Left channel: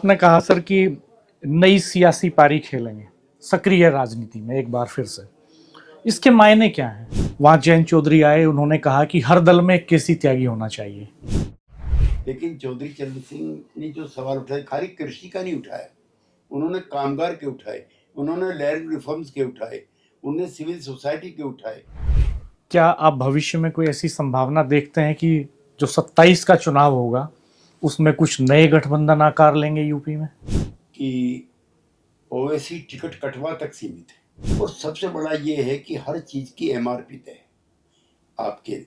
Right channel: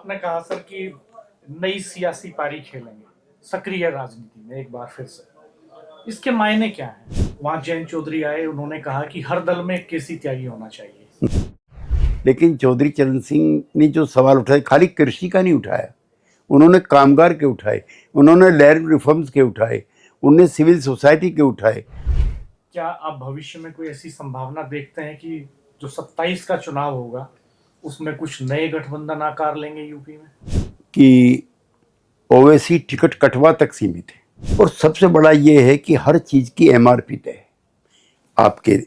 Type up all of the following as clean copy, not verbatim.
आपने कहा सर कि नई सियासी पारी खेलेंगे सक्रिय राजनीति में एक बार फिर से। इसके मायने क्या हैं? वहां जयंत चौधरी आए, उन्होंने कहा कि हर दल में एक केसी त्यागी होना चाहिए। लेकिन चौधरी चरण सिंह ने जो सवाल उठाए खाली कृषि का नहीं उठाया, उन्होंने कामगार के उठाए, उन्होंने लैंड रिफॉर्म्स के उठाए, उन्होंने सिविल सोसाइटी के उठाए। क्या आप भविष्य में कोई ऐसी संभावना देखते हैं कि जो 27 का चुनाव होगा उसमें कुछ नए गठबंधन आकार लेंगे यूपी में? कि ओवैसी टिकट कटवा तक सीमित है और सबसे बड़ा ये है कि हर चीज़ की एमआरपी तय है। आपके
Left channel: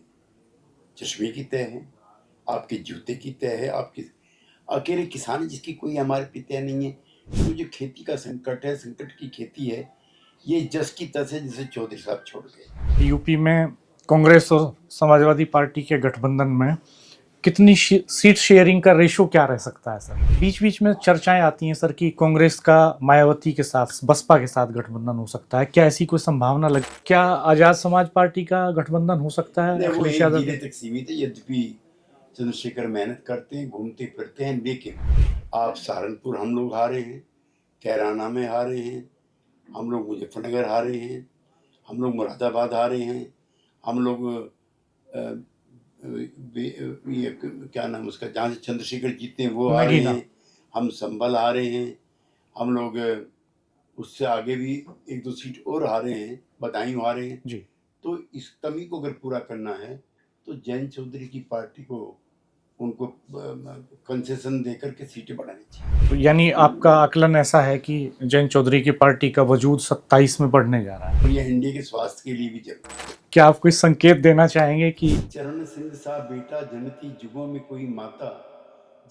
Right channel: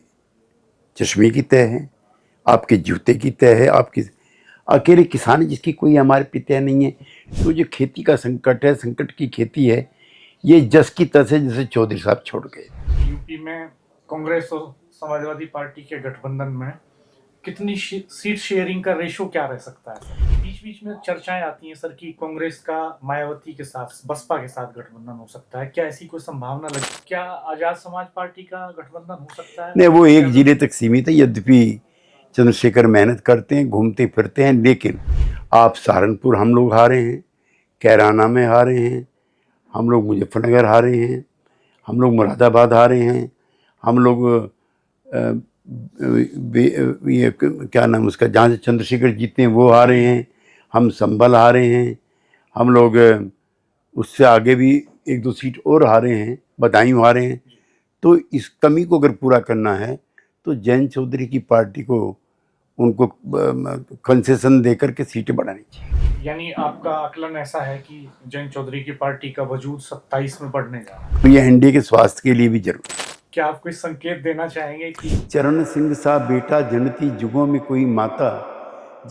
चश्मे की तय है, आपके जूते की तय है, आपकी अकेले किसान जिसकी कोई एमआरपी तय नहीं है। तो जो खेती का संकट है, संकट की खेती है, ये जस की तस है जैसे चौधरी साहब छोड़ गए। यूपी में कांग्रेस और समाजवादी पार्टी के गठबंधन में कितनी सीट शेयरिंग का रेशो क्या रह सकता है सर? बीच बीच में चर्चाएं आती हैं सर कि कांग्रेस का मायावती के साथ, बसपा के साथ गठबंधन हो सकता है। क्या ऐसी कोई संभावना लगी? क्या आजाद समाज पार्टी का गठबंधन हो सकता है? नहीं, वो एक जिले तक सीमित है। यद्यपि चंद्रशेखर मेहनत करते हैं, घूमते फिरते हैं, लेकिन आप सहारनपुर हम लोग हारे हैं, कैराना में हारे हैं, हम लोग मुजफ्फरनगर हारे हैं, हम लोग मुरादाबाद हारे हैं, हम लोग ये क्या नाम उसका, जहाँ से चंद्रशेखर जीते हैं वो हारे हैं, हम संभल हारे हैं, हम लोग उससे आगे भी एक दो सीट और हारे हैं, बदायूं हारे हैं जी। तो इस कमी को अगर पूरा करना है तो जयंत चौधरी की पार्टी को उनको कंसेशन देकर के सीटें बढ़ानी चाहिए। तो यानी आपका आकलन ऐसा है कि जयंत चौधरी की पार्टी का वजूद 27 में बढ़ने जा रहा है? तो ये एनडीए के स्वास्थ्य के लिए भी जरूरी है। क्या आप कोई संकेत देना चाहेंगे कि चरण सिंह सा बेटा जनती जुगों में कोई माता,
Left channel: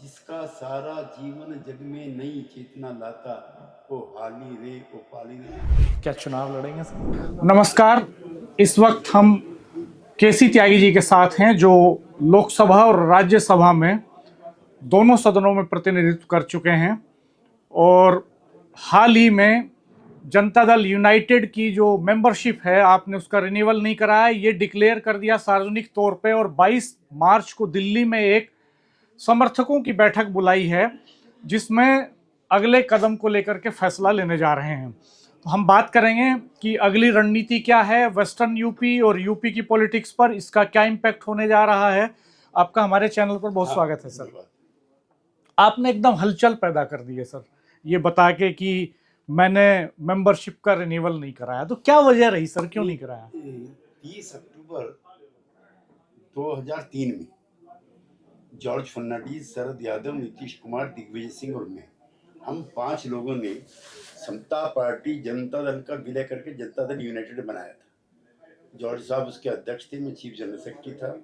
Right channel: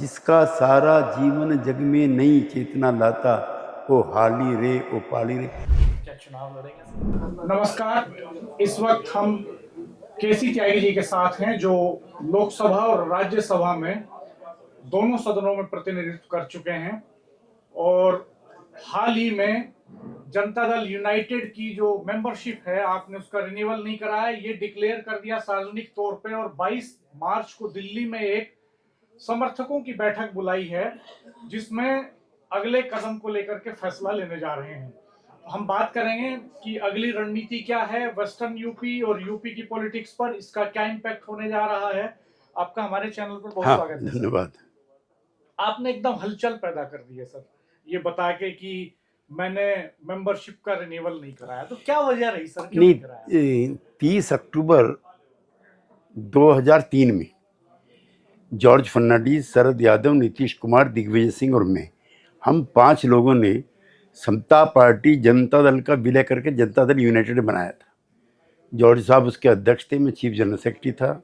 जिसका सारा जीवन जग में नई चेतना लाता, ओ हाली रे ओ पाली रे। क्या चुनाव लड़ेंगे सर? नमस्कार, इस वक्त हम केसी त्यागी जी के साथ हैं जो लोकसभा और राज्यसभा में दोनों सदनों में प्रतिनिधित्व कर चुके हैं और हाल ही में जनता दल यूनाइटेड की जो मेंबरशिप है आपने उसका रिन्यूअल नहीं कराया, ये डिक्लेयर कर दिया सार्वजनिक तौर पे। और 22 मार्च को दिल्ली में एक समर्थकों की बैठक बुलाई है जिसमें अगले कदम को लेकर के फैसला लेने जा रहे हैं। तो हम बात करेंगे कि अगली रणनीति क्या है वेस्टर्न यूपी और यूपी की पॉलिटिक्स पर, इसका क्या इम्पैक्ट होने जा रहा है। आपका हमारे चैनल पर बहुत स्वागत है। धन्यवाद। आपने एकदम हलचल पैदा कर दी है सर, ये बता के कि मैंने मेंबरशिप का रिन्यूअल नहीं कराया। तो क्या वजह रही सर, क्यों नहीं कराया? 30 अक्टूबर 2003 में जॉर्ज फर्नांडिस, शरद यादव, नीतीश कुमार, दिग्विजय सिंह और मैं, हम 5 लोगों ने समता पार्टी जनता दल का विलय करके जनता दल यूनाइटेड बनाया था। जॉर्ज साहब उसके अध्यक्ष थे, मैं चीफ जनरल सेक्रेटरी था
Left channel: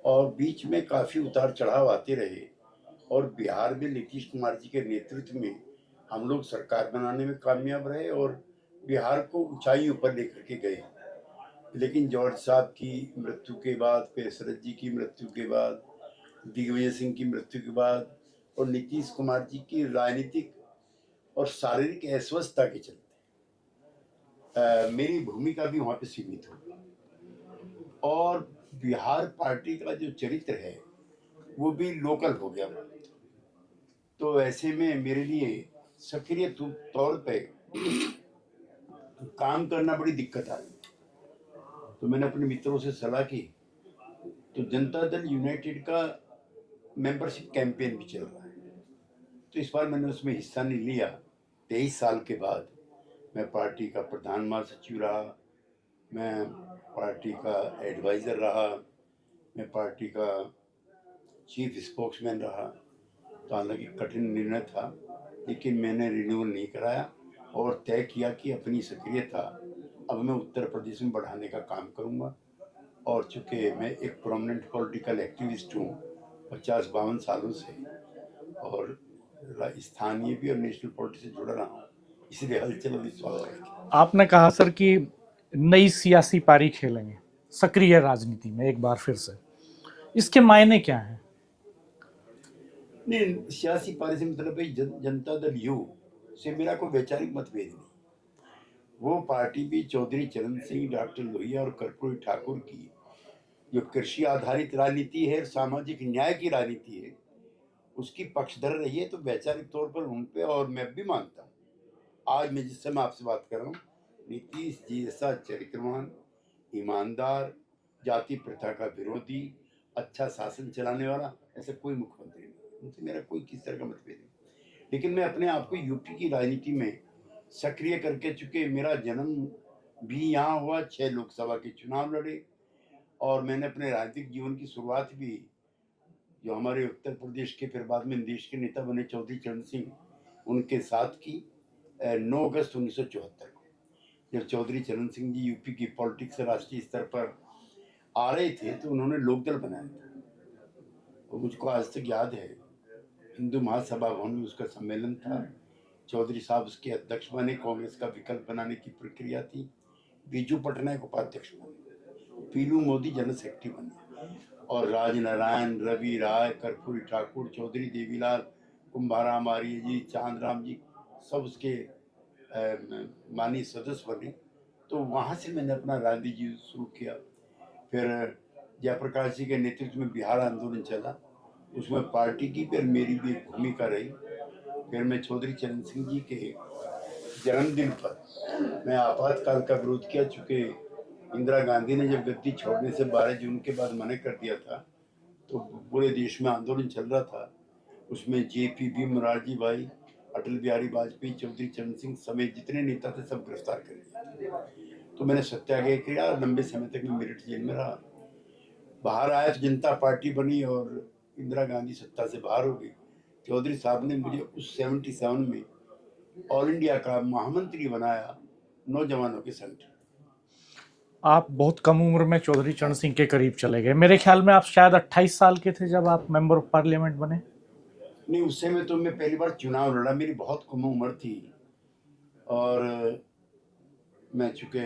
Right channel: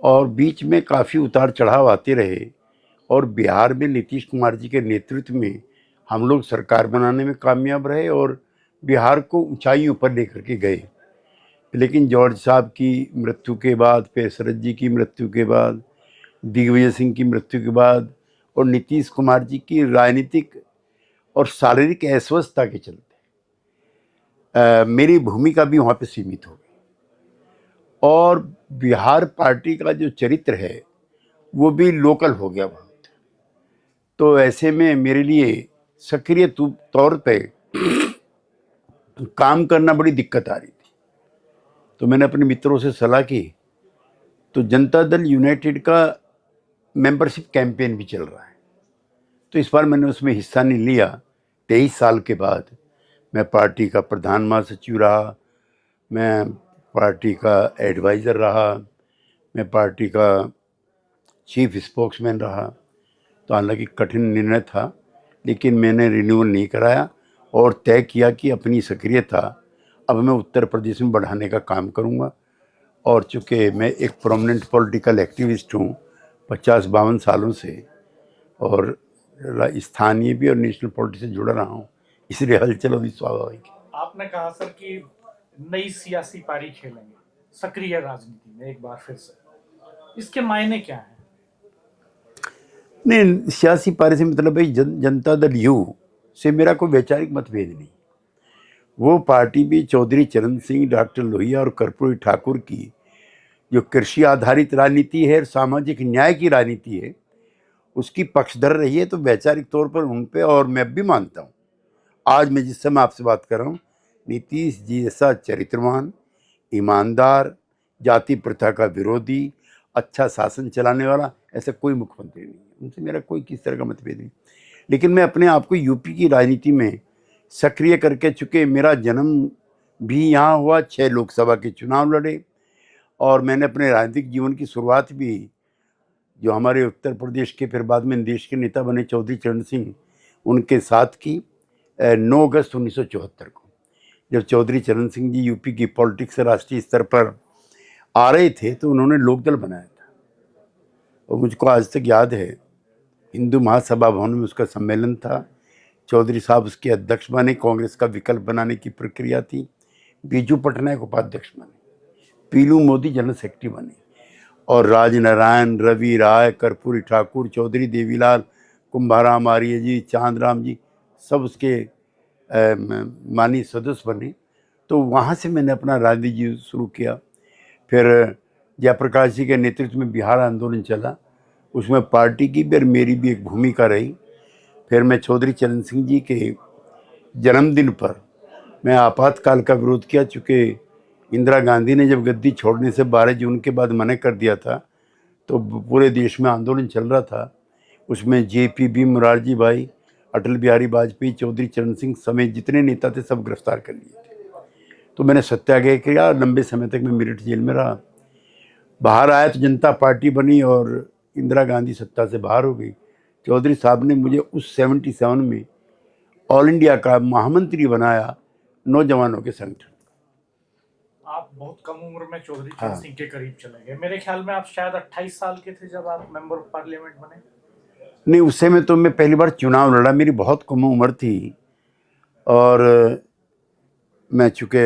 और बीच में काफ़ी उतार चढ़ाव आते रहे और बिहार में नीतीश कुमार जी के नेतृत्व में हम लोग सरकार बनाने में कामयाब रहे और बिहार को ऊंचाइयों पर लेकर के गए। लेकिन जॉर्ज साहब की मृत्यु के बाद, फिर शरद जी की मृत्यु के बाद, दिग्विजय सिंह की मृत्यु के बाद और नीतीश कुमार जी की राजनीतिक और शारीरिक अस्वस्थता के चलते मेरी भूमिका भी वहाँ पे सीमित हो गई और बिहार पार्टी का जो चरित्र है वो भी लोकल हो गया बहुत। तो ऐसे में मेरे लिए सक्रिय तौर पे काम करना बड़ी दिक्कत आ रही थी। तो मैंने अपने मित्रों से सलाह की, तो जनता दल यूनाइटेड का मेंबरशिप कैंपेन भी चल रहा है, तो इस बार मैंने उसमें हिस्सा नहीं लिया। 23 साल के बाद मैं पार्टी का प्रधान महासचिव रहा, मैं पार्टी का एडवाइज़र रहा, मैं पार्टी का चीफ स्पोक्समैन रहा। तो हालांकि कठिन निर्णय था, लेकिन मैंने रिन्यूअल नहीं कराया और तय किया कि अपनी सक्रियता अब मैं उत्तर प्रदेश में बढ़ाने का काम करूंगा। और चूँकि मैं एक प्रोमिनेंट पॉलिटिकल एक्टिविस्ट हूँ 50-52 सालों से और स्थानीय भी और नेशनल पॉलिटिक्स से जुड़ा रहा हूँ, इसलिए हलचल अभी स्वाभाविक है। आपने कहा सर कि नई सियासी पारी खेलेंगे सक्रिय राजनीति में एक बार फिर से, इसके मायने क्या हैं? नहीं, सियासी पारी से मतलब भाई जनता दल यू से मेरा कोई वैचारिक मतभेद नहीं। वो पार्टी भी चौधरी चरण सिंह, डॉक्टर लोहिया और कर्पूरी ठाकुर की जो कृषि आधारित राजनीति है, सामाजिक न्याय की राजनीति है, उसकी पक्षधर रही है, तो वैचारिक तौर पर उन पे, और मैं भी मानता हूँ, आज मैं जिस समय आपसे बात कर रहा हूँ, नीतीश जी जैसा चरित्रवान, ईमानदार, जाति प्रथा का विरोधी, अच्छा शासन चलाने वाला ऐसा कोई मुख्यमंत्री नहीं है। उनसे मेरा कोई किस तरह का मतभेद नहीं। लेकिन मैं अपने आप को यूपी की राजनीति में सक्रिय करके, चूँकि मेरा जन्म भी यहाँ हुआ, 6 लोकसभा के चुनाव लड़े, और मैंने अपने राजनीतिक जीवन की शुरुआत भी जो हमारे उत्तर प्रदेश के फिर बाद में देश के नेता बने चौधरी चरण सिंह, उनके साथ की 9 अगस्त 1974 को, जब चौधरी चरण सिंह जी यूपी की पॉलिटिक्स से राष्ट्रीय स्तर पर आ रहे थे, तो उन्होंने लोकदल बनाया था। और मुझको आज तक याद है, हिंदू महासभा भवन में उसका सम्मेलन था, चौधरी साहब उसके अध्यक्ष बने, कांग्रेस का विकल्प बनाने की प्रक्रिया थी, बीजू पटनायक उपाध्यक्ष बने, पीलू मोदी जनरल सेक्रेटरी बने, और राजनारायण, रवि राय, कर्पूरी ठाकुर, चौधरी देवीलाल, कुंभाराम आर्य जी, चांदराम जी, सब उसके माननीय सदस्य बने। तो वहाँ से मैंने अपना राजनीति जीवन शुरू किया। फिर जयप्रकाश जी के नेतृत्व में बिहार आंदोलन चला, उसमें पार्टी की भी और मेरी भी एक भूमिका रही। फिर मैं चौधरी चरण सिंह जी के जन्मदिन पर मैं आपातकाल का विरोध किया, चूँकि इंदिरा गांधी ने जब गद्दी छोड़ने से 12 जून के बाद मना कर दिया था, तो पूरे देश में आंदोलन चल रहा था। उसमें JPB मोरारजी भाई, अटल बिहारी वाजपेयी, चौधरी चरण सिंह समेत जितने नेता थे सब गिरफ्तार कर लिए थे। तो मैंने सत्याग्रह किया, लंबे समय तक मैं मेरठ जेल में रहा। बाहर आया तो जनता पार्टी बनी और इंदिरा गांधी सत्ता से बाहर हो गई। चौधरी साहब ने मुझे उस 77 में ऑल इंडिया का महामंत्री बनाया नौजवानों के संगठन। आप बहुत कम उम्र में चौधरी चरण सिंह के करीब चले गए। मेरे ख्याल में आप शायद 28 साल के थे जब आप मेंबर ऑफ पार्लियामेंट बने। नहीं, उस समय तो मैं पहली बार चुनाव लड़ा, मेरी बहुत कम उम्र थी, और मैं चूँकि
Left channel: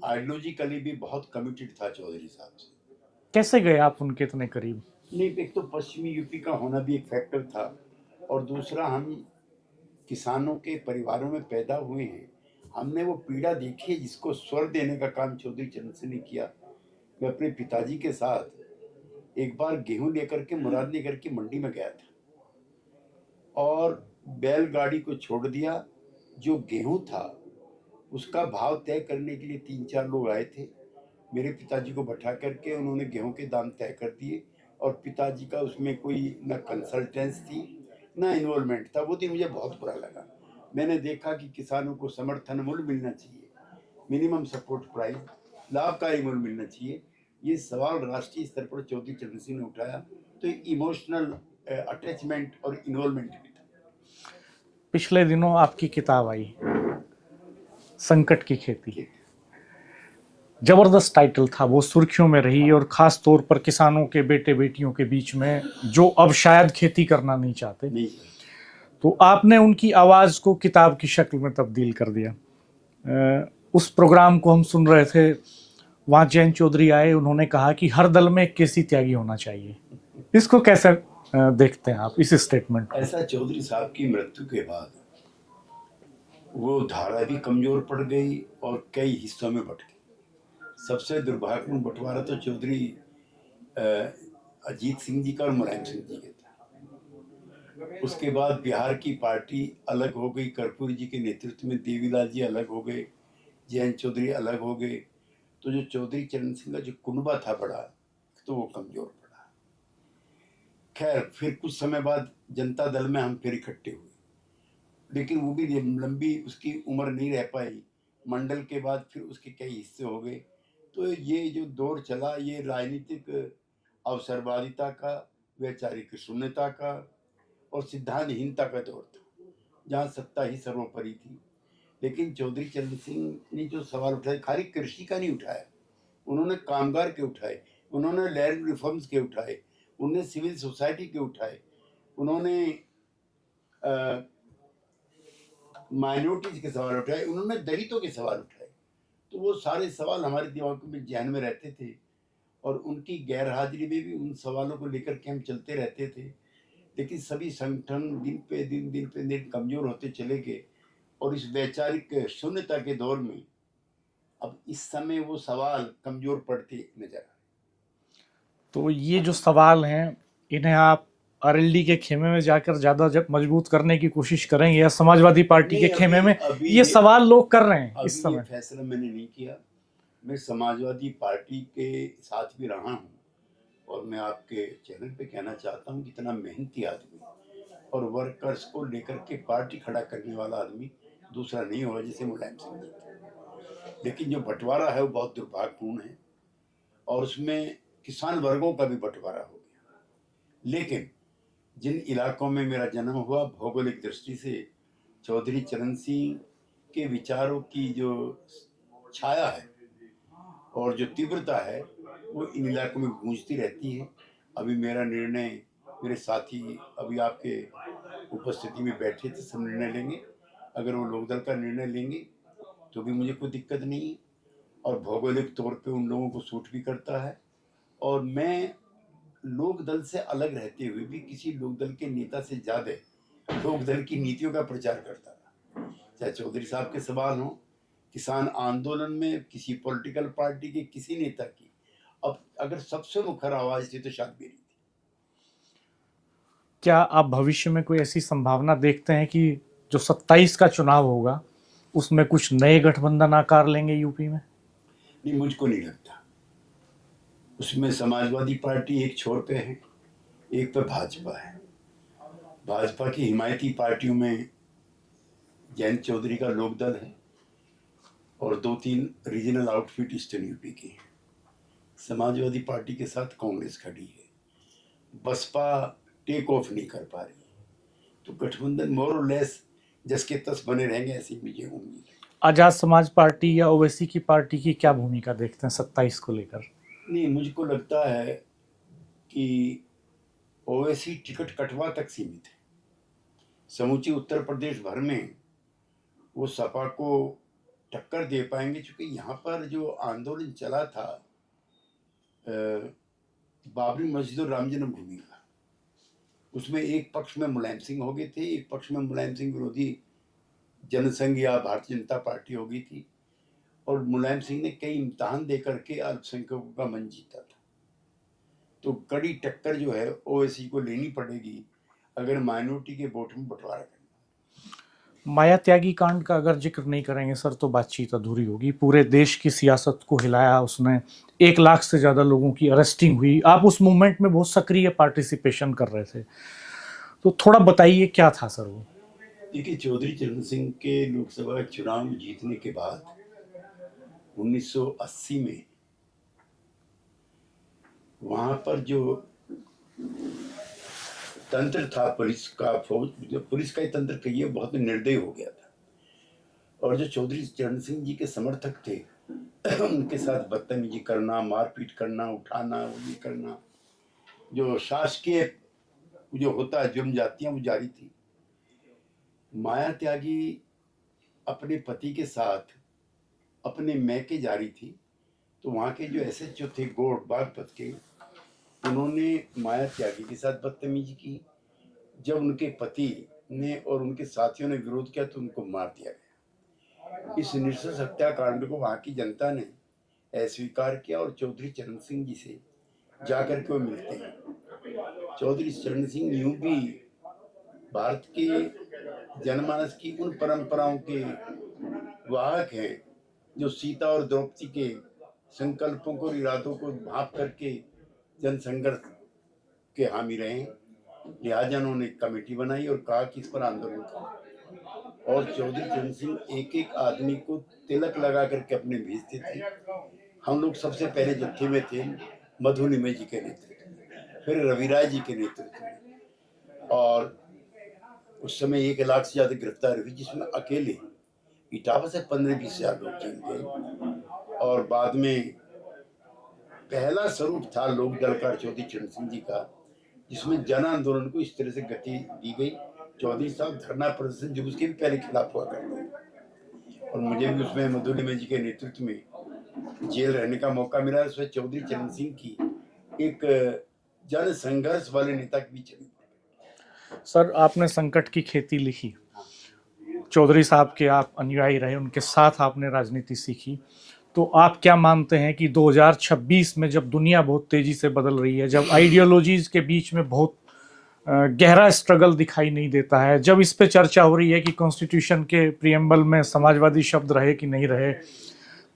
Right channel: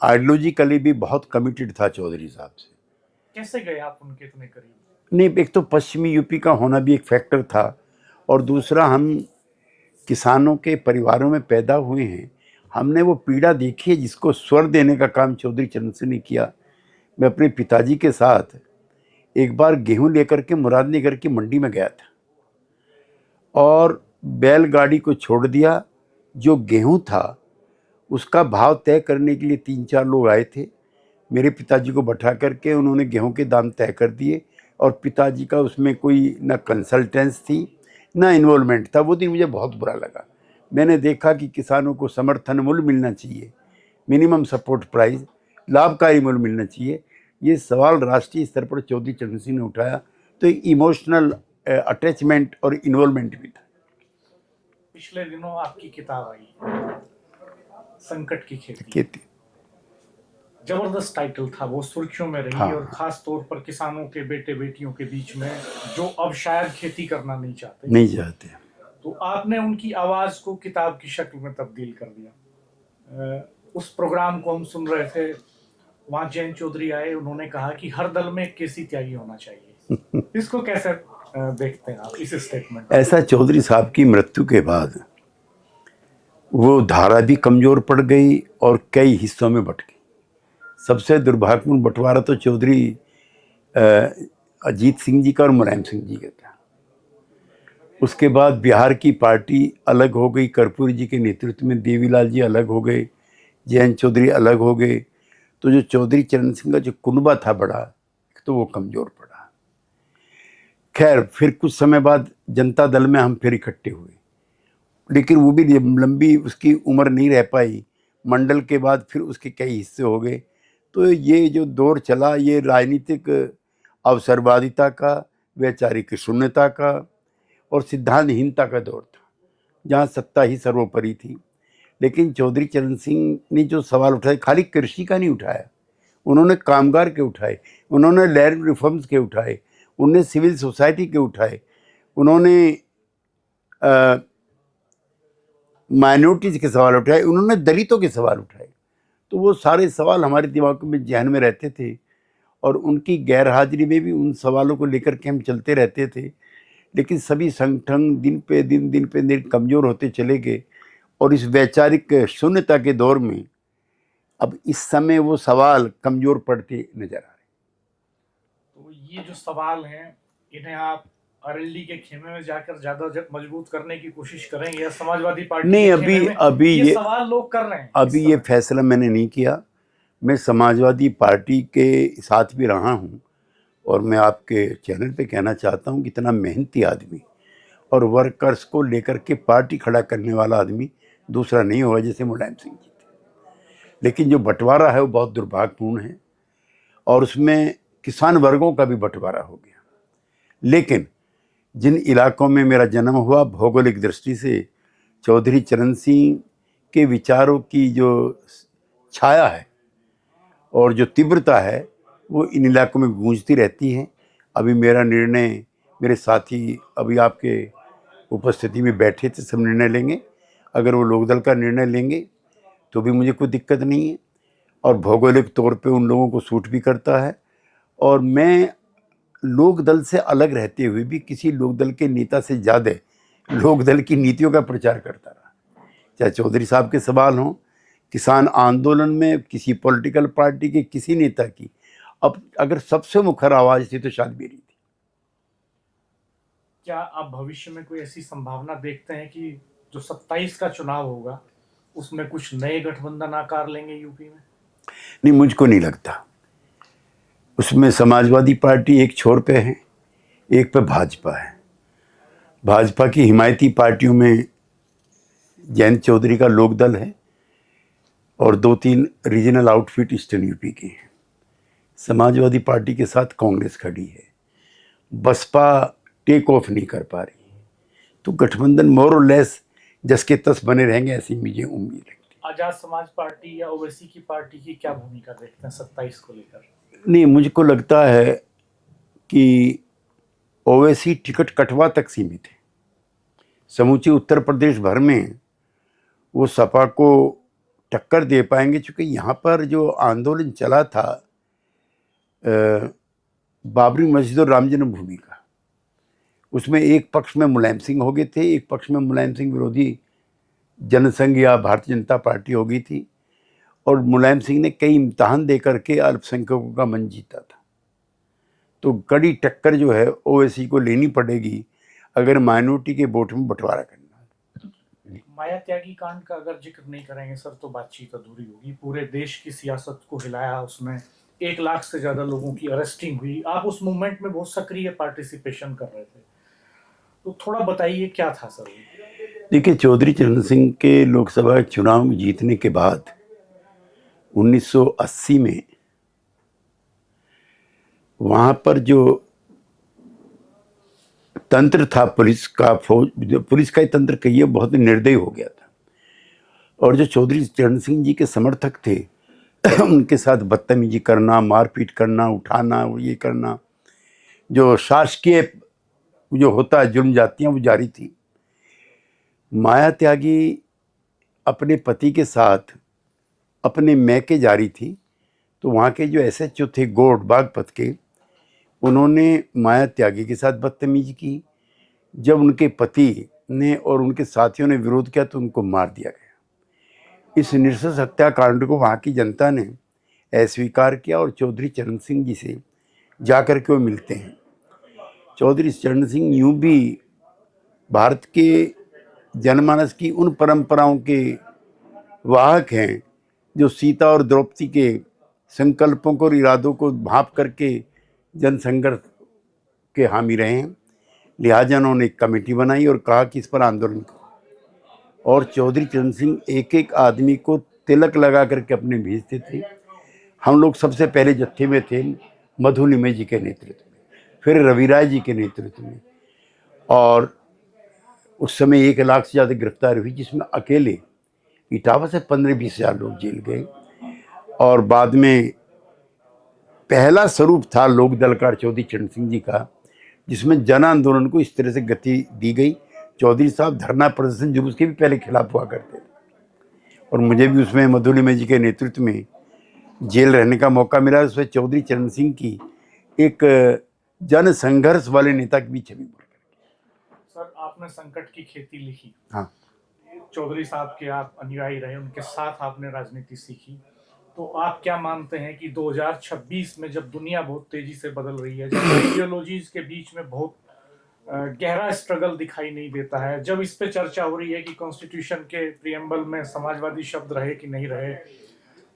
आइडियोलॉजिकली भी बहुत कमिटेड था चौधरी साहब से। कैसे गए आप उनके इतने करीब? नहीं, एक तो पश्चिमी यूपी का होना भी एक फैक्टर था, और दूसरा हम किसानों के परिवारों में पैदा हुए हैं, हमने वो पीड़ा देखी है जिसको स्वर देने का काम चौधरी चरण सिंह ने किया। मैं अपने पिताजी के साथ एक बार गेहूं लेकर के मुरादनगर की मंडी में गया था, और बैलगाड़ी को छोड़ दिया। जो गेहूं था उसका भाव तय करने के लिए 3-4 लोग आए थे। मेरे पिताजी को बैठा करके उन्होंने गेहूं के दाम तय कर दिए, और पिताजी का उसमें कोई ना कंसल्टेंस थी ना इन्वॉल्वमेंट था। वो दिन मुझे बहुत बुरा लगा। मैंने देखा कि किसानों को समर्थन मूल्य मिलना चाहिए, मिनिमम सपोर्ट प्राइस, लाभकारी मूल्य मिलना चाहिए। ये सवाल राष्ट्रीय स्तर पर चौधरी चरण सिंह ने उठाया, तो एक इमोशनल अटैचमेंट और इन्वॉल्वमेंट भी था। पिछले दिनों आपकी किताब आई, संकट की खेती। जबरदस्त टाइटल था, वो सुर्खियों में रही। हाँ। और खास तौर पर किसानों के बेटे बेटियों के बीच में जो अब शायद खेती करना नहीं चाहते, तो आपने उनकी आवाज को किताब की शक्ल में तब्दील कर दिया। उस प्रोग्राम को हम सुन रहे थे, वहां जयंत चौधरी आए, उन्होंने कहा कि हर दल में एक केसी त्यागी होना चाहिए। इसको कैसे देखते हैं आप, इस स्टेटमेंट? ऐसा चौधरी साहब की मृत्यु के बाद वो धारा भी कमजोर पड़ गई और कई हिस्सों में बट गई। सबसे दुर्भाग्यपूर्ण बंटवारा तो चौधरी अजीत सिंह जी का और मुलायम सिंह जी का था। उसके बाद बिहार की पार्टी अलग हो गई, कर्पूरी जी के नेतृत्व में देवीलाल जी अलग हो गए, जयंत चौधरी अलग हो गए। तो जो चौधरी चरण सिंह का जो कुनबा था बड़ा, तो वो कमज़ोर पड़ा। खैर, फिर कुछ समय बाद जनता दल में हम फिर इकट्ठे हुए, लेकिन वो भी लंबी उसकी उम्र नहीं रह पाई। मंडल के बाद फिर उसके कई हिस्से हो गए। तो ये जो दौर चला, ये राजनीतिक अवसरवादिता का, वैचारिक शून्यता का और सिद्धांतहीनता का दौर था, जहाँ सत्ता ही सर्वोपरि थी। लेकिन चौधरी चरण सिंह ने जो सवाल उठाए, खाली कृषि का नहीं उठाया, उन्होंने कामगार के उठाए, उन्होंने लैंड रिफॉर्म्स के उठाए, उन्होंने सिविल सोसाइटी के उठाए, उन्होंने माइनॉरिटीज़ के सवाल उठाए, उन्होंने दलितों के सवाल उठाए। तो वो सारे सवाल हमारे दिमाग में जहन में रहते थे, और उनकी गैर हाजिरी में भी उन सवालों को लेकर के हम चलते रहते थे। लेकिन सभी संगठन दिन पे दिन कमज़ोर होते चले गए, और इस वैचारिक शून्यता के दौर में अब इस समय वो सवाल कमज़ोर पड़ते नजर आ रहे। तो ये जो सवाल हैं, इन्हें आप आरएलडी के खेमे में जाकर ज्यादा मजबूत करने की कोशिश करेंगे या समाजवादी पार्टी नहीं, के खेमे में? अभी ये सवाल लोग कर रहे हैं इस अभी ये समय। फैसला मैंने नहीं किया। मैं समाजवादी पार्टी के साथ भी रहा हूँ और मैं आपके चैनल पे कहना चाहता हूँ कि इतना मेहनती आदमी और वर्कर्स को लेकर के पार्टी खड़ा करने वाला आदमी दूसरा नहीं होगा जैसे मुलायम सिंह जी थे। लेकिन जो बंटवारा है वो बहुत दुर्भाग्यपूर्ण है और उसमें किसान वर्गों का भी बंटवारा हो गया। लेकिन जिन इलाकों में मेरा जन्म हुआ, भौगोलिक दृष्टि से चौधरी चरण सिंह के विचारों की जो छाया है और जो तीव्रता है वो इन इलाकों में गूंजती रहती है। अभी मेरा निर्णय, मेरे साथी अभी आपके उपस्थिति में बैठे थे, सब निर्णय लेंगे। अगर वो लोकदल का निर्णय लेंगे तो भी मुझे कोई दिक्कत नहीं है और भौगोलिक तौर पे उन लोगों को सूट भी करता है। और मैं लोकदल से अलग रहते हुए भी किसी लोकदल के नेता से ज़्यादा लोकदल की नीतियों का प्रचार करता रहा। चाहे चौधरी साहब के सवाल हों, किसान आंदोलन में किसी पॉलिटिकल पार्टी के किसी नेता की, अब अगर सबसे मुखर आवाज़ थी तो शायद मेरी थी। क्या आप भविष्य में कोई ऐसी संभावना देखते हैं कि जो 27 का चुनाव होगा उसमें कुछ नए गठबंधन आकार लेंगे यूपी में? नहीं, मुझको नहीं लगता। उसमें समाजवादी पार्टी एक छोर पे है, एक पे भाजपा है। भाजपा की हिमायती पार्टियों में जयंत चौधरी का लोकदल है और 2-3 रीजनल आउटफिट ईस्टर्न यूपी के हैं। समाजवादी पार्टी के साथ कांग्रेस खड़ी है। बसपा टेक ऑफ नहीं कर पा रही, तो गठबंधन मोर और लेस जस के तस बने रहेंगे, ऐसी मुझे उम्मीद है। आजाद समाज पार्टी या ओवैसी की पार्टी की क्या भूमिका देखते हैं 27 को लेकर? नहीं, मुझको लगता है कि ओवैसी टिकट कटवा तक सीमित है। समूचे उत्तर प्रदेश भर में वो सपा को टक्कर दे पाएंगे, क्योंकि यहाँ पर जो आंदोलन चला था बाबरी मस्जिद और राम जन्मभूमि का, उसमें एक पक्ष में मुलायम सिंह हो गए थे, एक पक्ष में मुलायम सिंह विरोधी जनसंघ या भारतीय जनता पार्टी हो गई थी और मुलायम सिंह ने कई इम्तहान दे करके अल्पसंख्यकों का मन जीता था। तो कड़ी टक्कर जो है ओवैसी को लेनी पड़ेगी अगर माइनॉरिटी के वोट में बंटवारा करना है। माया त्यागी कांड का अगर जिक्र नहीं करेंगे सर तो बातचीत अधूरी होगी। पूरे देश की सियासत को हिलाया उसने, 1 लाख से ज़्यादा लोगों की अरेस्टिंग हुई। आप उस मूवमेंट में बहुत सक्रिय पार्टिसिपेशन कर रहे थे, तो थोड़ा बताइए क्या था सर वो? देखिए, चौधरी चरण सिंह के लोकसभा चुनाव में जीतने के बाद 1980 में वहाँ पर जो तंत्र था पुलिस का, पुलिस का ही तंत्र कहिए, बहुत निर्दयी हो गया था। और जो चौधरी चरण सिंह जी के समर्थक थे उनके साथ बदतमीजी करना, मारपीट करना, उठाना, वो ये करना, जो शासकीय जो होता है जुर्म जातियाँ, वो जारी थी। माया त्यागी अपने पति के साथ अपने मैके जा रही थी, तो वहाँ के जो एसएचओ थे गोड बागपत के, उन्होंने माया त्यागी के साथ बदतमीजी की। जब उनके पति ने और उनके साथियों ने विरोध किया तो उनको मार दिया गया। इस नृशंस हत्याकांड को वहाँ की जनता ने अस्वीकार किया और चौधरी चरण सिंह जी से जाकर के वो मिलते हैं। चौधरी चरण सिंह यूँ भी भारत के जनमानस की उन परंपराओं के वाहक हैं जो सीता और द्रौपदी के संकल्पों को और इरादों को भाप करके जनसंघर्ष के हामी रहे हैं। लिहाजा उन्होंने एक कमेटी बनाई और कहा कि इस पर आंदोलन करो। और चौधरी चरण सिंह एक एक आदमी को तिलक लगा करके अपने भेजते थे। हम लोग सबसे पहले जत्थे में थे मधु निमे जी के नेतृत्व में, फिर रवि राय जी के नेतृत्व में, और उस समय 1 लाख से ज़्यादा गिरफ्तार हुई, जिसमें अकेले इटावा से 15-20 हज़ार लोग जेल गए। और बाद में पहला स्वरूप था लोकदल का चौधरी चरण सिंह जी का, जिसमें जन आंदोलन को इस तरह से गति दी गई। चौधरी साहब धरना प्रदर्शन जुलूस के भी पहले खिलाफ हुआ करते थे और मुझे भी उसमें मधु निमे जी के नेतृत्व में जेल रहने का मौका मिला। उसमें चौधरी चरण सिंह की एक जन संघर्ष वाले नेता की भी छवि। सर, आपने संकट की खेती लिखी। हाँ, चौधरी साहब के आप अनुयायी रहे, उनके साथ आपने राजनीति सीखी, तो आप क्या मानते हैं कि 2026 में जब दुनिया बहुत तेजी से बदल रही है, जब आइडियोलॉजीज के बीच में बहुत गहरा स्ट्रगल दिखाई नहीं देता है। जब इस पे चर्चा हो रही है कि कॉन्स्टिट्यूशन के प्रियम्बल में समाजवादी शब्द रहे कि नहीं रहे,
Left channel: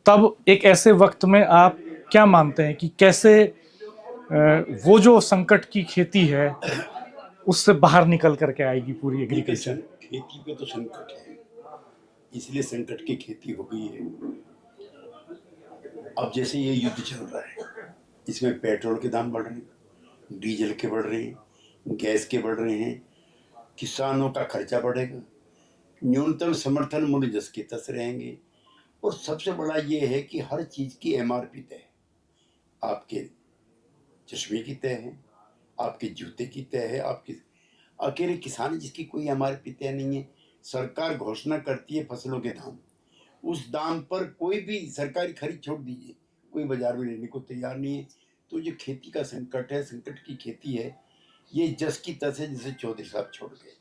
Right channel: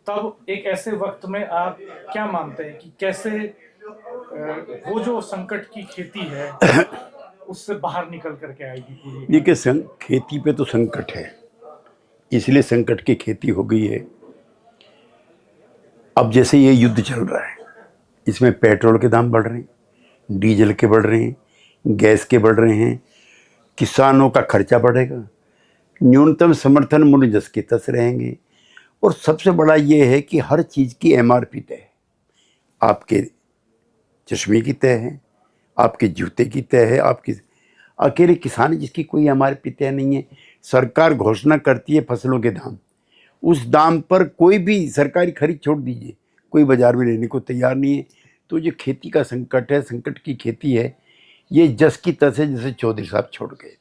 तब एक ऐसे वक्त में आप क्या मानते हैं कि कैसे वो जो संकट की खेती है उससे बाहर निकल करके आएगी पूरी? देखिए, खेती पे तो संकट है, इसलिए संकट की खेती हो गई है। अब जैसे ये युद्ध चल रहा है, इसमें पेट्रोल के दाम बढ़ रहे हैं, डीजल के बढ़ रहे हैं, गैस के बढ़ रहे हैं, किसानों का खर्चा बढ़ेगा, न्यूनतम समर्थन मूल्य जस के तस रहेंगे, और सबसे बड़ा ये है कि हर चीज़ की एमआरपी तय है। आपके चश्मे की तय है, आपके जूते की तय है, आपकी अकेले किसान जिसकी कोई एमआरपी तय नहीं है। सरकार घोषणा करती है फसलों के दाम, उस दाम पर कोई भी सरकारी खरीद छोड़ दीजिए, कोई बाजार में लेने को तैयार नहीं है। तो जो खेती का संकट है, संकट की खेती है, ये जस की तस है जैसे चौधरी साहब छोड़ गए थे।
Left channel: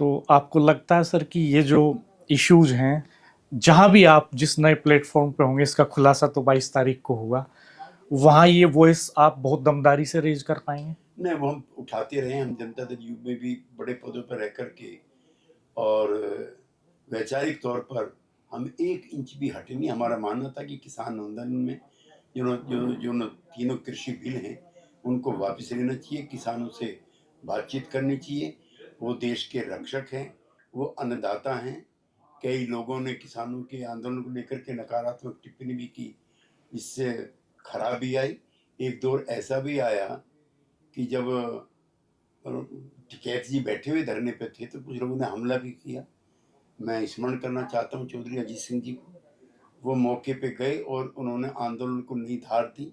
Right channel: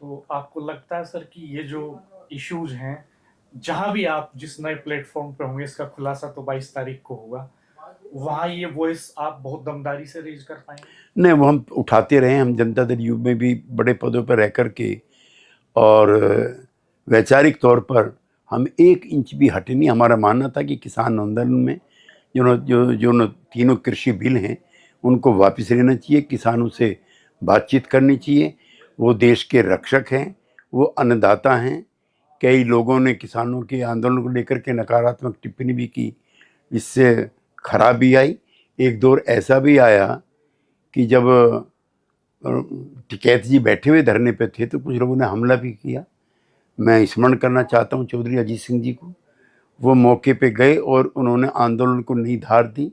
तो आपको लगता है सर कि ये जो इश्यूज हैं, जहां भी आप जिस नए प्लेटफॉर्म पे होंगे, इसका खुलासा तो 22 तारीख को होगा, वहां ये वॉइस आप बहुत दमदारी से रेज कर पाएंगे? नहीं, वो हम उठाते रहे, हम जनता दल यू में भी बड़े पदों पर रह कर के, और वैचारिक तौर पर हम 1 इंच भी हटे नहीं। हमारा मानना था कि किसान आंदोलन में जो तीनों कृषि बिल हैं उनको वापस लेना चाहिए, किसानों से बातचीत करनी चाहिए। वो देश के रक्षक हैं, वो अन्नदाता हैं। कई लोगों ने किसानों के आंदोलन को लेकर के नकारात्मक टिप्पणी भी की, इससे खराबी आई। एक दौर ऐसा भी आया कि जब टिकैत जी बैठे हुए धरने पे थे तो कुछ लोगों ने हमला भी किया। मैं स्मरण करना चाहता हूँ चौधरी अजीत सिंह जी को। वो मौके पे गए और उन्होंने आंदोलन को नई धार दी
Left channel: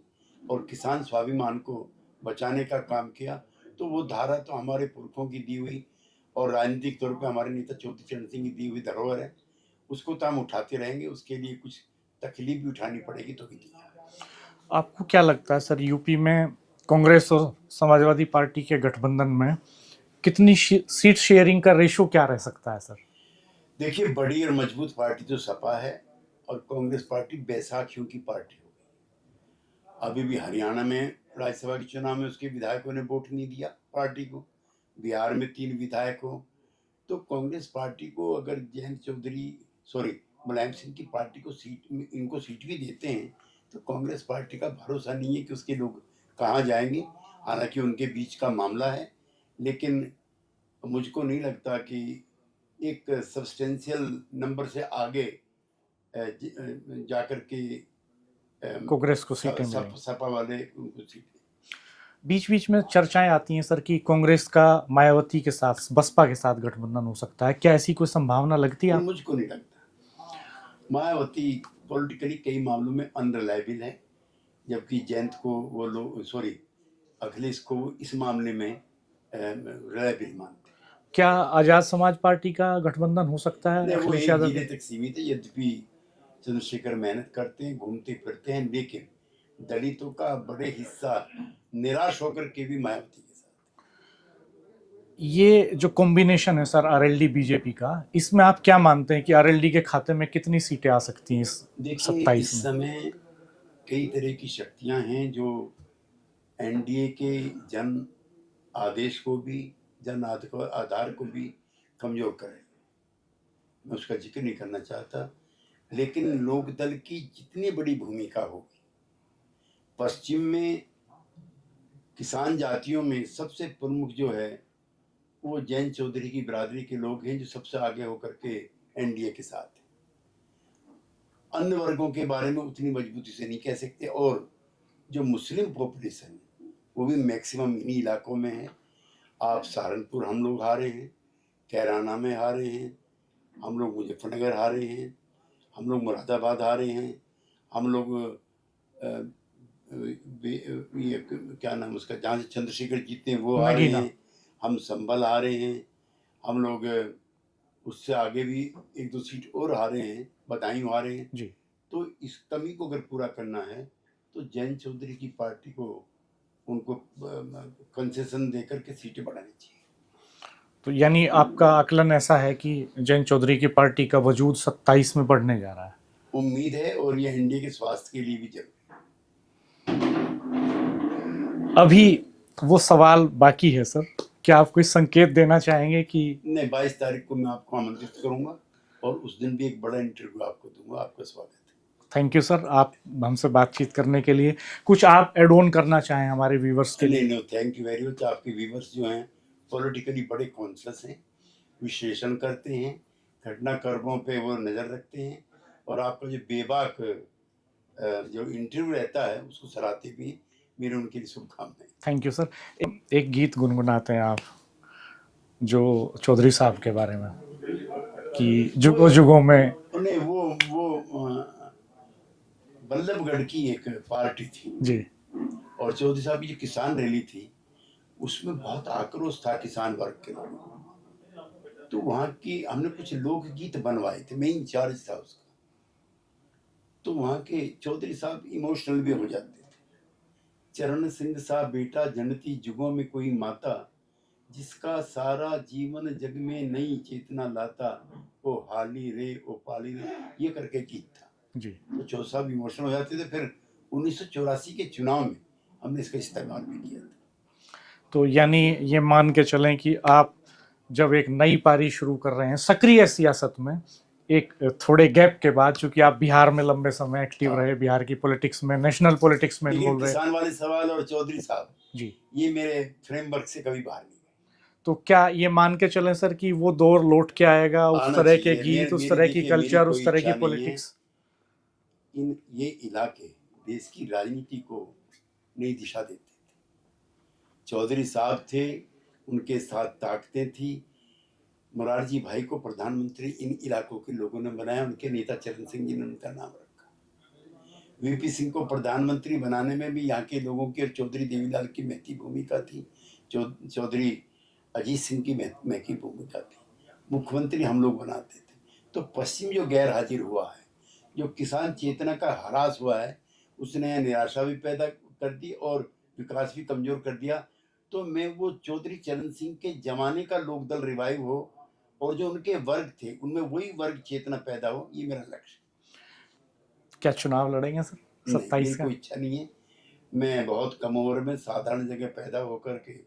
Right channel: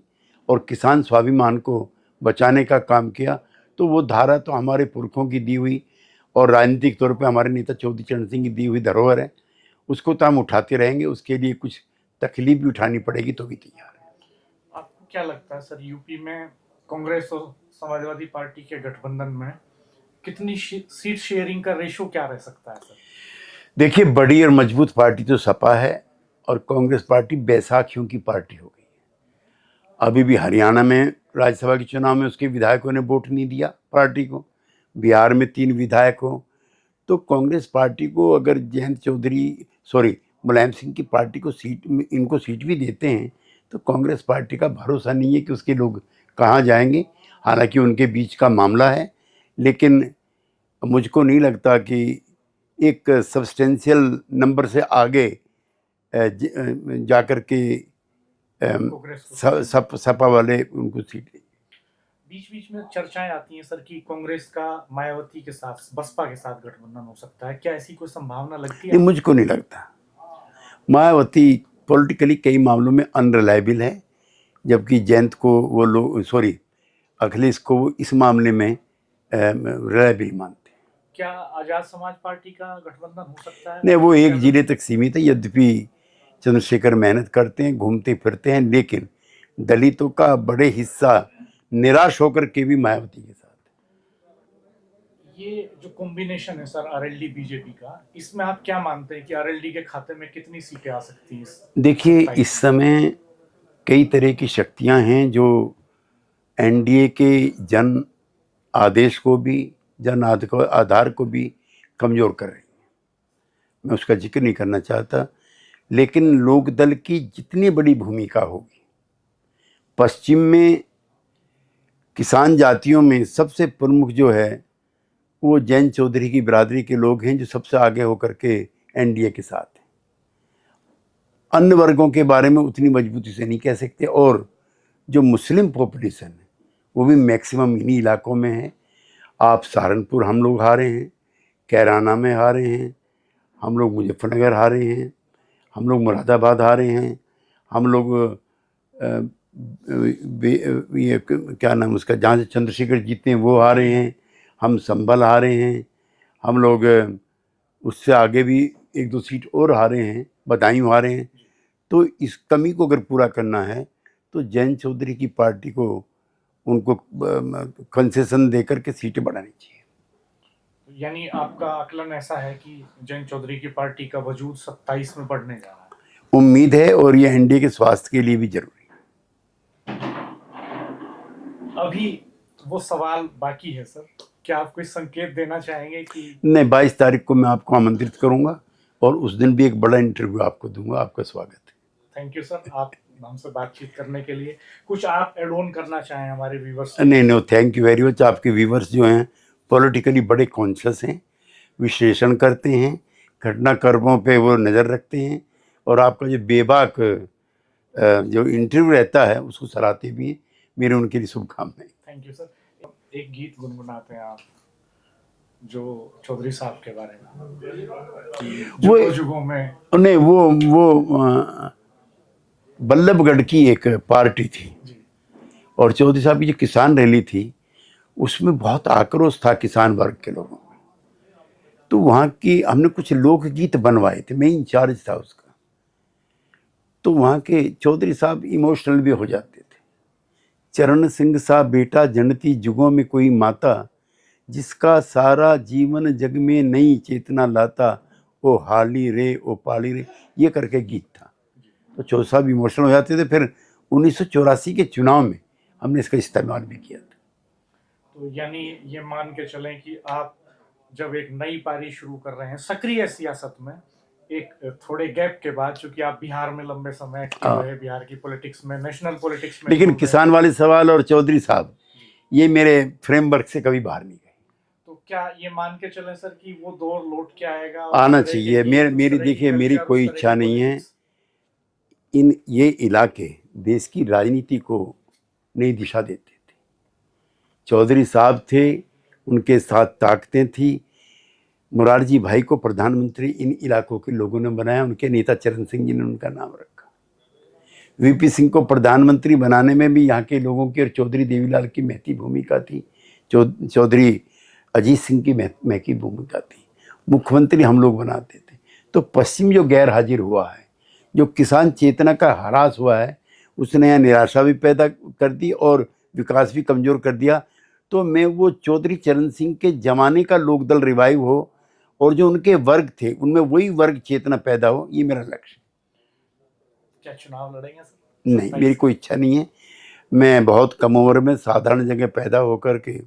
और किसान स्वाभिमान को बचाने का काम किया। तो वो धारा तो हमारे पुरखों की दी हुई और राजनीतिक तौर पे हमारे नेता चौधरी चरण सिंह की दी हुई धरोहर है, उसको तो हम उठाते रहेंगे। उसके लिए कुछ तकलीफ भी उठानी पड़ेगी तो भी तैयार है। आपको क्या लगता है सर, यूपी में कांग्रेस और समाजवादी पार्टी के गठबंधन में कितनी सीट शेयरिंग का रेशो क्या रह सकता है सर? देखिए, बड़ी और मजबूत पार्टी तो सपा है और कांग्रेस पार्टी बैसाखियों की पार्टी हो गई। अभी भी हरियाणा में राज्यसभा के चुनाव में उसके विधायकों ने वोट नहीं दिया पार्टी को, बिहार में 3 विधायक हो। तो कांग्रेस पार्टी को अगर मुलायम सिंह की पार्टी को इनको सीट भी देते हैं तो कांग्रेस पार्टी का भरोसा नहीं है कि उसके लोग कहाँ जाएंगे। हालांकि उनके बीच का मामला है, लेकिन मुझको नहीं लगता कि एक सब्सटेंशियल नंबर से आगे जाकर के कांग्रेस को सपा वाले उनको सीट। बीच बीच में चर्चाएं आती हैं सर कि कांग्रेस का मायावती के साथ, बसपा के साथ गठबंधन हो सकता है, क्या ऐसी कोई संभावना लगती है? मुझको नहीं लगता। मायावती पॉलिटिकली कई मामलों में अनरिलायबल है, जबकि जयंत को वो लोग अखिलेश को वो इस मामले में रिलायबल मानते। क्या आजाद समाज पार्टी का गठबंधन हो सकता है? नहीं, वो एक जिले तक सीमित है। यद्यपि चंद्रशेखर मेहनत करते हैं, घूमते फिरते हैं, लेकिन दलितों का बड़े हिस्सा निराश होकर के भी मायावती के साथ। ये जो कॉम्बिनेशन है सर आरएलडी बीजेपी का, इसमें आप क्या मानते हैं कि आरएलडी के खाते में कितनी सीटें आ सकती हैं? देखिए, इस समय कई तरह की शक्तियां हैं जो एनडीए के जन आदेश को भी, जन आधार को भी कमज़ोर कर रही है। मैं उसका जिक्र नहीं करना चाहता, लेकिन लोकदल की जितनी बड़ी भूमिका होगी, पश्चिम में किसान जातियों में सबसे प्रमुख जो है वो जैन चौधरी की बिरादरी के लोग हैं, जो सबसे आगे होकर के एनडीए के साथ हैं। अन्य वर्गों के बारे में उतनी मजबूती से नहीं कह सकते। और जो मुस्लिम पॉपुलेशन है वो भी मैक्सिमम इन्हीं इलाकों में है। आप सहारनपुर हम लोग हारे हैं, कैराना में हारे हैं, हम लोग मुजफ्फरनगर हारे हैं, हम लोग मुरादाबाद हारे हैं, हम लोग ये क्या नाम उसका, जहाँ से चंद्रशेखर जीते हैं वो हारे हैं, हम संभल हारे हैं, हम लोग उससे आगे भी 1-2 सीट और हारे हैं, बदायूं हारे हैं जी। तो इस कमी को अगर पूरा करना है तो जैन चौधरी की पार्टी को उनको कंसेशन देकर के सीटें बढ़ानी चाहिए। तो यानी आपका आकलन ऐसा है कि जैन चौधरी की पार्टी का वजूद 27 में बढ़ने जा रहा है? उम्मीद है, और ये एनडीए के स्वास्थ्य के लिए भी जरूरी है। अभी वो सवाल बाकी है सर, क्या आप कोई संकेत देना चाहेंगे कि नहीं, 22 तारीख को मैं आपको आमंत्रित करूंगा और उस दिन भी एक बड़ा इंटरव्यू आपको दूंगा। आपका स्वागत है। थैंक यू सर, आप हमसे बातचीत करने के लिए। कुछ आप एड ऑन करना चाहें हमारे व्यूवर्स के लिए? नहीं, थैंक यू वेरी मच। आपके व्यूवर्स जो हैं पॉलिटिकली बड़े कॉन्शियस हैं, विश्लेषण करते हैं, घटनाक्रमों पे वो नज़र रखते हैं और आपका जो बेबाक जो इंटरव्यू रहता है उसको सराहते भी हैं। मेरे उनके लिए शुभकामनाएं। Thank you sir. एक गीत गुनगुनाते हैं आप जो चौधरी साहब के बारे में, कि जुगों जुगों में। नहीं, वो बल्लभगढ़ की एक पार्टी थी जी और चौधरी साहब की जो किसान रैली थी उसमें बहुत आक्रोश था किसान वर्ग के लोगों में। तो वहाँ की हमने कुछ लोकगीत बनवाए थे, मैं इंचार्ज था उसका। तो वहाँ के चौधरी साहब इमोशनल भी हो जाते थे। चरण सिंह सा बेटा जनती जुगों में कोई माता, जिसका सारा जीवन जग में नई चेतना लाता, ओ हाली रे ओ पाली रे, ये करके गीत था जी। तो चौधरी साहब इमोशनल हो जाते थे। फिर 1984 के चुनाव में हमने इसका इस्तेमाल भी किया था। तो यानी ये मान के चलें कि आप जब एक नई पारी शुरू कर रहे हैं सक्रिय सियासत में, एक थोड़े गैप के बाद, चूंकि आप बिहार में लंबे समय एक्टिव रहे, बिहार की पॉलिटिक्स में, नेशनल पॉलिटिक्स में, लेकिन किसान वाले सवाल और चौधरी साहब जी, ये मेरे फ्रेमवर्क से कभी बाहर नहीं गए। तो क्या ये मान के चलें सर कि वो दौर लौट के आएगा, उस आना तरह के चाहिए। गीत, उस तरह की देखिए, मेरी कल्चर, कोई उस तरह इच्छा की नहीं है। पॉलिटिक्स? ये इलाके देश की राजनीति को नई दिशा देते थे। चौधरी साहब थे, उनके साथ ताकतें थी। मुरारजी भाई को प्रधानमंत्री इन इलाकों के लोगों ने बनाया, उनके नेता चरण सिंह जी ने उनका नाम रखा। वीपी सिंह को प्रधानमंत्री बनाने में भी यहाँ के लोगों की और चौधरी देवीलाल की महती भूमिका थी। चौधरी अजीत सिंह की महती भूमिका थी। मुख्यमंत्री हम लोग बनाते थे। तो पश्चिम जो गैर हाजिर हुआ है, जो किसान चेतना का ह्रास हुआ है, उसने यहाँ निराशा भी पैदा कर दी और विकास भी कमज़ोर कर दिया। तो मैं वो चौधरी चरण सिंह के ज़माने का लोकदल रिवाइव हो और जो उनके वर्ग थे उनमें वही वर्ग चेतना पैदा हो, ये मेरा लक्ष्य। क्या चुनाव लड़ेंगे सर? नहीं, मेरी कोई इच्छा नहीं है। मैं बहुत कम उम्र में साधारण जगह पैदा होकर के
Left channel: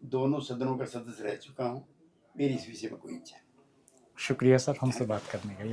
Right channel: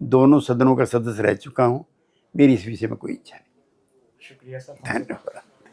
दोनों सदनों का सदस्य रह चुका हूँ। मेरी इस विषय में कोई इच्छा नहीं। शुक्रिया सर हमसे बात करने के लिए।